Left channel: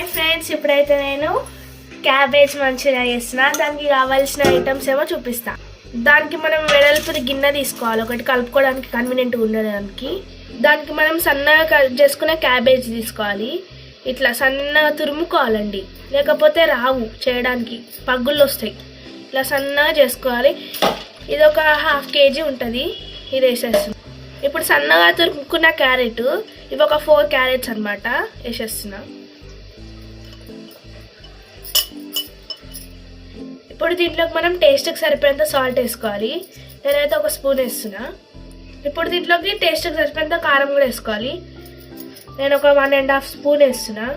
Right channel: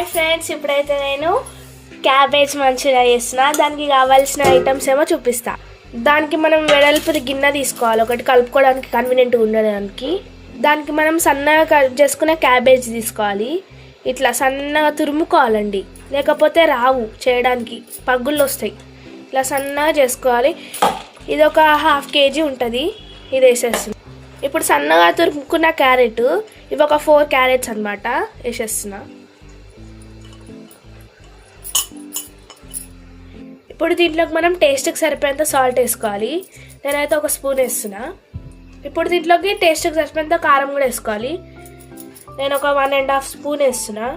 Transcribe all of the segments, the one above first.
Hi friends, ఇప్పుడైతే నేను cabbage Manchuria చేస్తున్నా. దానికి కావాల్సిన ఐటమ్స్ ఏమో చూపిస్తా. దానికి మనం వెడల్పుది గిన్నె తీసుకోవాలి, ఒకటి కలుపుకోవడానికి కన్వీనియంట్గా ఉండడానికి. దానికి మనం సన్నగా కట్ చేసుకున్న క్యాబేజ్ తీసుకోవాలి. ఇట్లా సన్నగా తురుముకోవాలండి, లేకపోతే రావు చేయడానికి, పగ్గుళ్ళు వస్తాయి. ఇట్లా సన్నగా చేసుకోవాలి. ఇది ఒక 1/2 kg ఉంటుంది. ఇది వేసేస్తుంది. ఇప్పుడు సన్నగా తురుముకున్న క్యారెట్, ఇవి ఒక 4 క్యారెట్స్ అనమాట, వేసేస్తున్నా. ఇప్పుడు దీంట్లోకి మనం టేస్ట్కి సరిపోయేంత సాల్ట్ వేసుకోవాలి. నేనైతే 1 స్పూన్ వేస్తున్నా. ఇప్పుడు దీంట్లోకి టేస్ట్కి సరిపోయేంత కారం కూడా వేసుకోవాలి. నేను ఒక 1.5 స్పూన్ వేస్తున్నా.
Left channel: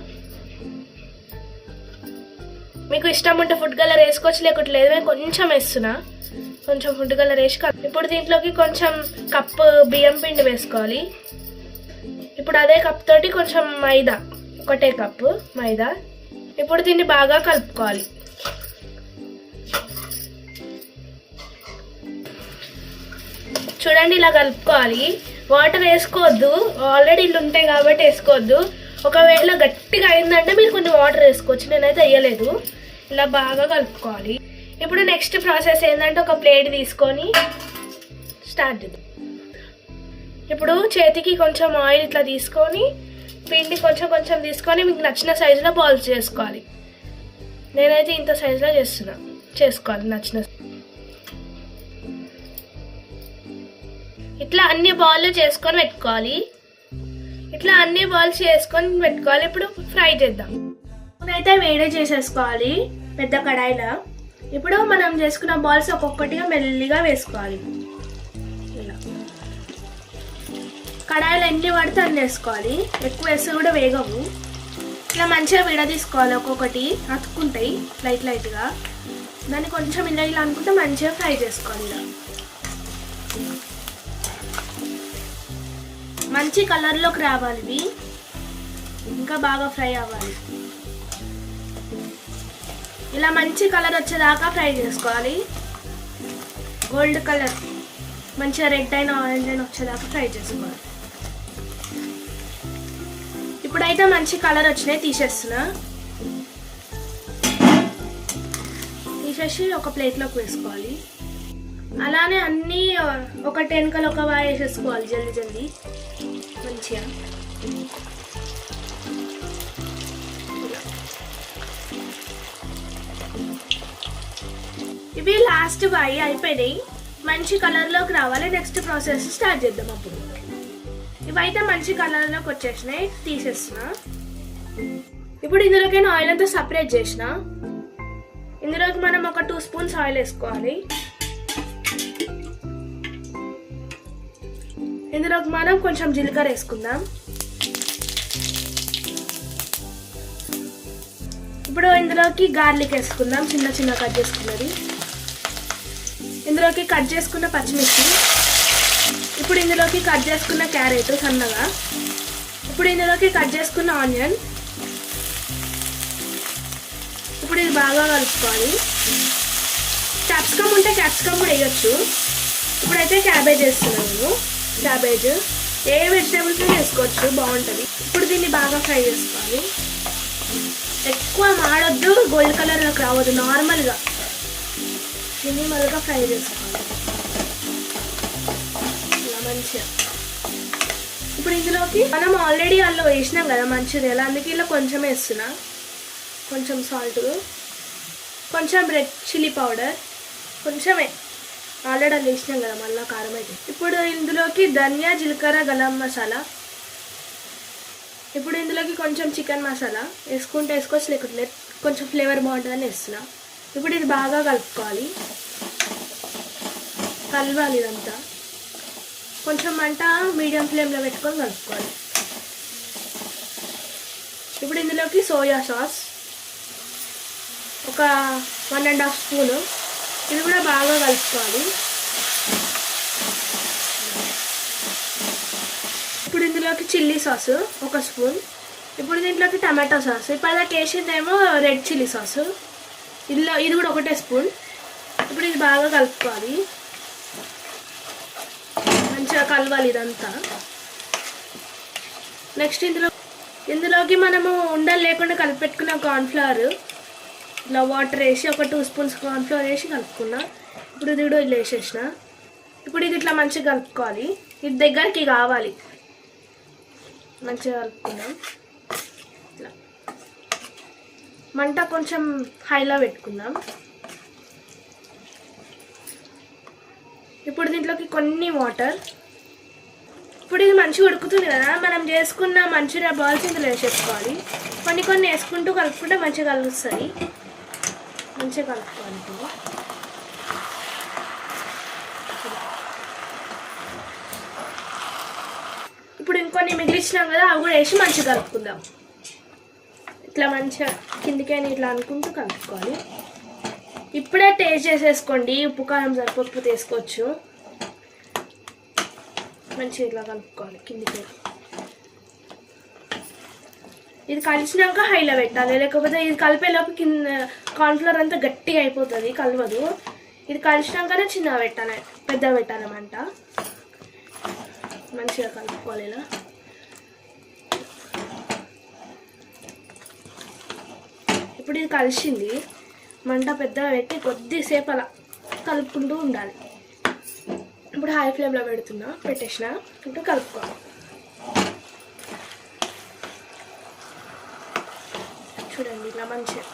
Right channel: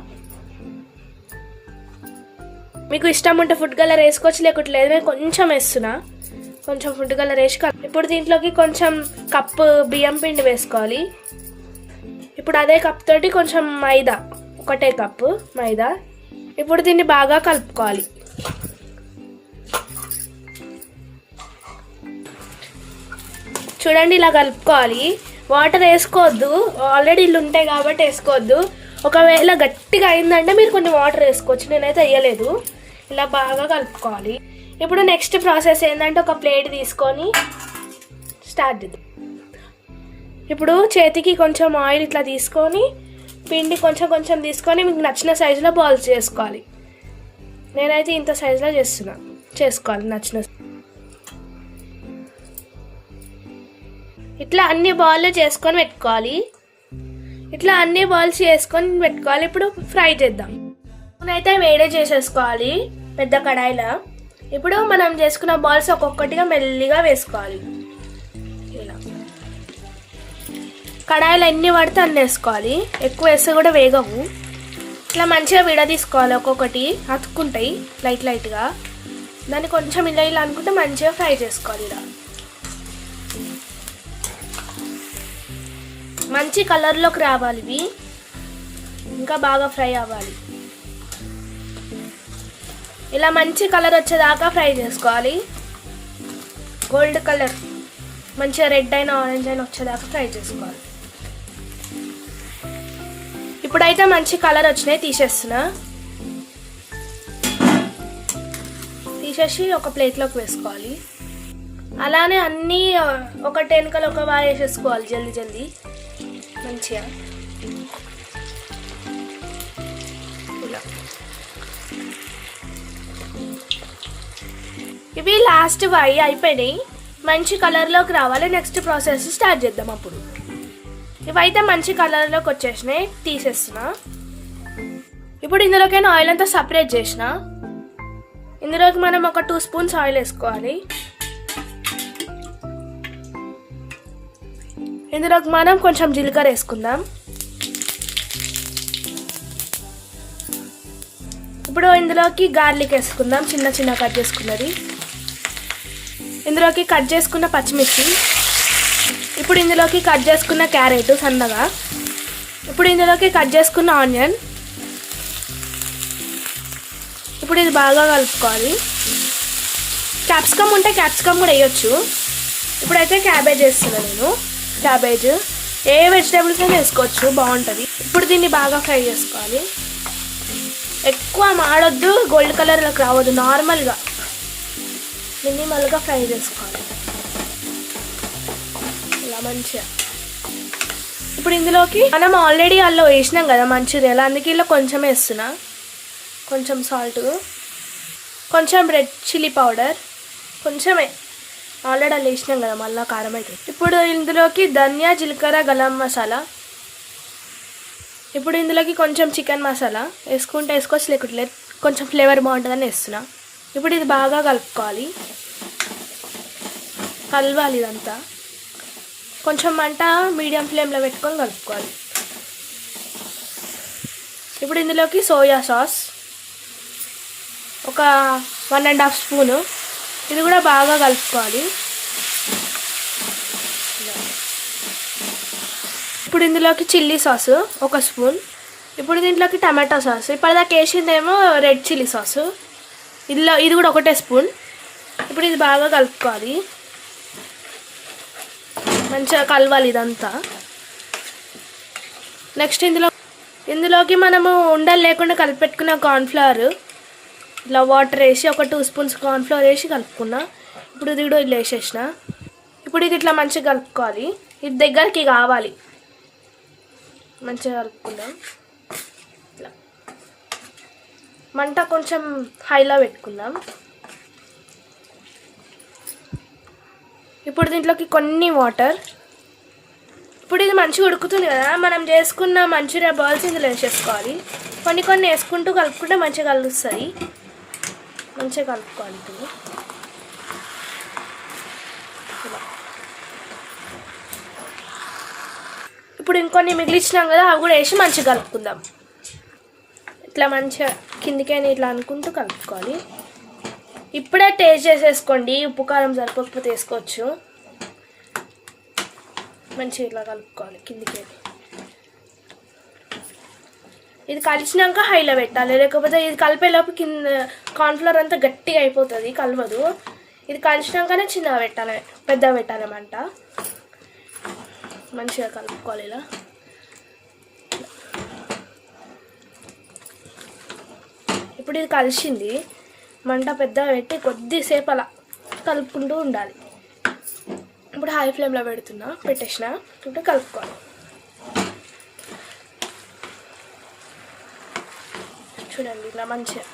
మీకు ఇష్టం ఉంటే ఫుడ్ కలర్ వేసుకోవచ్చు, లేకపోతే లేదు. నేను కొంచెం వేస్తున్నా, కొంచెం ఫుడ్ కలర్ వేసి. ఇప్పుడు దీంట్లోకి కొంచెం కప్పు బియ్యం పిండి వేసుకోవాలి. ఇప్పుడు అదే కప్ తోటి కొంచెం మైదా, ఒకటే కప్పు మైదా. ఇప్పుడు దీన్ని బాగా కలుపుకోవాలి. చూడండి, ఇలా కలుపుకోవాలి. వాటర్ వేసుకోవద్దు, ఆల్రెడీ ఇల్లు ఉంటాయి కాబట్టి వేసుకోవద్దు. ఒకవేళ గట్టిగా అయిందంటే మీరు కొన్ని వాటర్ వేసుకోవచ్చు, నేనైతే వేయలేదు. ఇలా బాగా కలుపుకోవాలి. ఇప్పుడు నెక్స్ట్ ప్రాసెస్ ఏంటంటే, ఒక ప్లేట్ తీసుకొని స్టార్ట్ చేద్దాం. ఇప్పుడు చేతికి కొంచెం ఆయిల్ ఇట్లా తీసుకొని, పిండి కొంచెం కొంచెం తీసుకొని మీకు నచ్చిన సైజులో బాల్స్ చేసుకోవాలి. నేనైతే ఇంత సైజులో చేసుకోవాలి నచ్చిన. ఇట్లా అన్ని బాల్ చేసుకొని పెట్టుకోవాలి. ఇట్లా అన్ని బాల్స్ చేసుకొని పెట్టుకోవాలి. ఇప్పుడు ఫ్రై చేద్దాం. అయితే వేడి చేసేసుకోవాలి పెద్ద కడాయిలో. ఇప్పుడు మనం చేసుకున్న బాల్స్ ఒక్కొక్కటిగా మెల్లిగా వేసుకోవాలి. ఇలా కడాయిలో ఎన్ని పడితే అన్ని వేసుకోవాలి, ఎక్కువ వేస్తే కూడా వేగవు. ఇట్లా మంచిగా విడదీసుకోవాలి, ఒక్కొక్కటి అతుక్కుంటాయి లైట్ లైట్గా. దాన్ని కొంచెం ఇలా ఇలా అనుకుంటే మంచిగా ఫ్రై చేసుకోవాలి. ఇలా మంచి కలర్లోకి రావాలి, ఇవి ఇంకా బాగా ఫ్రై అవ్వాలి. ఇలా మంచి కలర్ వచ్చేదాకా ఫ్రై చేసుకోవాలి. గోల్డ్ కలర్ మంచిగా రెడ్ అయినా ఆరెంజ్ అయినా వచ్చేదాకా ఫ్రై చేసుకోవాలి. ఇప్పుడైతే మంచి కలర్ వచ్చినాయి, తీసేస్తున్నా. తీసేసి ఒక ప్లేట్లోకి వేసుకోవాలి. అలానే అన్నీ ఒకటి వెనకలు ఒక బాగా వేసేసుకోవాలి జల్దీ జల్దీ మంచిగా. ఇవి లాస్ట్ అయిపోయినాయి, మంచి కలర్లోకి రావాలి. నెక్స్ట్ ప్రాసెస్ స్టార్ట్ చేద్దాం. అప్పుడు ఇవైతే మంచి కలర్లోకి వచ్చేసినాయి, తీసేస్తున్నా. ఇప్పుడు ఇందులోకైనా ఆయిల్ అంతా సపరేట్ చేసిన. ఇందులోకి మనం ఒక 2 స్పూన్స్ ఆయిల్ వేసుకోవాలి. ఇందులోకి మనం కొంచెం జీలకర్ర వేసుకుందాం. ఇప్పుడు ఇందులోకి గార్లిక్ వేసుకుందాం, చిన్న చిన్న కట్ చేసుకున్నది. ఇందులోకి కట్ చేసుకున్న పచ్చిమిర్చి. ఇప్పుడు ఇందులోకి కట్ చేసుకున్న క్యారెట్ సన్నగా. ఇప్పుడు ఇందులోకి కట్ చేసుకున్న ఆనియన్. ఇప్పుడు ఇది బాగా కలుపుకోవాలి. క్యాప్సికమ్ ఉంటే క్యాప్సికమ్ కూడా వేయొచ్చు. ఇప్పుడైతే క్యాబేజ్ వేస్తున్నాను నేను. క్యాబేజ్ ఏ వెజిటేబుల్స్ అయినా వేసుకోవచ్చు, బాగుంటుంది. ఇప్పుడు దీన్ని బాగా ఫ్రై చేసుకోవాలి. ఎక్కువ మాడొద్దు, గోల్డ్ కలర్లోకి రావద్దు, నార్మల్గా మినిమల్గా ఫ్రై చేసుకోవాలి ఇలా మంచిగా. ఇప్పుడు ఇందులోకి మనం ఆల్రెడీ అల్లం వేసినాం కదా మంచూరియాలో, అందుకే ఇలా కొంచెం వేస్తున్నా. కొంచెం సాల్ట్, కొంచెం రెడ్ చిల్లీ పౌడర్, కొంచెమే, ఆల్రెడీ అలా వేసినాం కదా, మళ్ళీ కారం అయితే. ఇప్పుడు ఇందులోకి ధనియా జీలకర్ర గరం మసాలా. ఇప్పుడు ఇందులోకి కొంచెం చికెన్ మసాలా వేసుకుంటే వేసుకోవచ్చు, లేకుంటే కొంచెం ఫ్లేవర్ బాగుంటుందని వేస్తున్నా. ఇప్పుడు ఇది బాగా కలుపుకోవాలి, కలవాలి ఇదంతా. కొంచెం మంట మీడియం ఫ్లేమ్లో పెట్టుకొని కలుపుకోవాలి. ఇప్పుడు ఇందులోకి సోయా సాస్ ఒక 1.5 స్పూను. ఇది కూడా బాగా కలుపుకోవాలి. ఇప్పుడు ఇందులోకి చిల్లీ సాస్ 1 స్పూన్. ఇప్పుడు దీంట్లోకి టమాటో సాస్. ఇప్పటిదాకా వేసిందేమో రెడ్ చిల్లీ సాసు, ఇది కూడా 1 స్పూన్. ఇప్పుడు ఇది బాగా కలుపుకోవాలి, మంచిగా కలవాలి ఇదంతా. నెక్స్ట్ ఇందులో ఇందులోకి మనము ఉండలు లేకుండా కలిపెట్టుకున్న కార్న్ఫ్లవర్ ఇలా వాటర్ వేసి ఒక 2 స్పూన్స్ కార్న్ఫ్లవర్ వేసి కలుపుకున్నా. ఇప్పుడు ఇది కూడా ఇలా వేసేసిన. ఇప్పుడు ఇది ఇట్లా మంచిగా కలుపుకోవాలి. ఇది దగ్గరికి కావాలి, మంచిగా కలుపుకుందాం. ఇట్లా మంట కొంచెం హైలో పెట్టుకుందాం. ఇప్పుడు దీంట్లోకి కొన్ని వాటర్. ఇప్పుడు ఇది మంచిగా ఉడుకుతుంది కదా, మనం చేసుకున్న మంచూరియా బాల్స్ ఇందులో వేసేసుకోవాలి. కొన్ని వేసుకుంటూ కలుపుకుంటే మంచిగా కలుస్తాయి. మంచిగా కలుపుకోవాలి. ఇప్పుడు ఇంకొన్ని మిగిలిచ్చినాం కదా, అవి కూడా వేసి మంచిగా కలుపుకుందాం. ఇట్లా మంచిగా కిందికైనా ఇట్లా అనుకుంటూ కలుపుకోవాలి. ఇప్పుడే టేస్ట్ చేసేసుకోండి, ఉప్పు కారం సరిపోకపోతే వేసుకోవచ్చు. మంచిగా ఇట్లా కలుపుకోవాలి కిందికి. ఇది కలిసినాక హైలో పెట్టాలి, లేకపోతే ఇది కలిపేలోపు కింద కార్న్ఫ్లవర్ అంతా గట్టిగా అయిపోతుంది, కలవదు. ఇది కలిసినాకనే చిన్నగా పెట్టాలి, పెద్దగా పెట్టాలన్నమాట. మంచిగా కలుపుకోవాలి ఇలా. ఇప్పుడు ఇది కలిసింది, మంట పెద్దగా పెట్టి కొద్దిసేపు అలా కలుపుకుంటూ ఉండాలి. ఇప్పుడు హై ఫ్లేమ్లో పెట్టేసిన. ఇప్పుడు కలుపుకోవాలి. చూడండి ఇట్లా మంచిగా.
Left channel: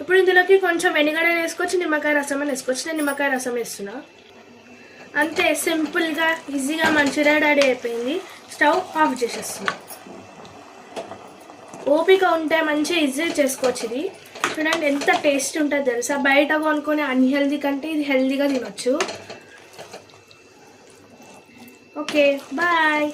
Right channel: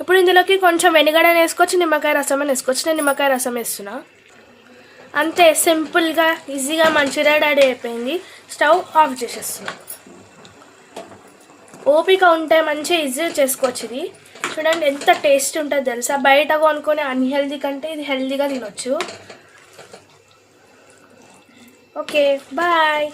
ఇప్పుడు ఇందులోకి కొంచెం వెనిగర్ అని వేసుకోవచ్చు, నిమ్మకాయ రసం అని వేసుకోవచ్చు. నేను నిమ్మకాయ రసం వేస్తున్నా. అంతే, సింపుల్గా ఈజీగా మంచూరియా రెడీ అయిపోయింది. స్టవ్ ఆఫ్ చేసేస్తుంది. ఓపిక ఉంటే మంచిగా ఈజీగా చేసుకోవచ్చు. ఇది చూడండి ఎంత టేస్ట్ ఉంటుందో తెలుసా. బయట కొనుక్కొని అన్హెల్దీ కంటే ఇది హెల్దీగా తినొచ్చు. Okay, bye.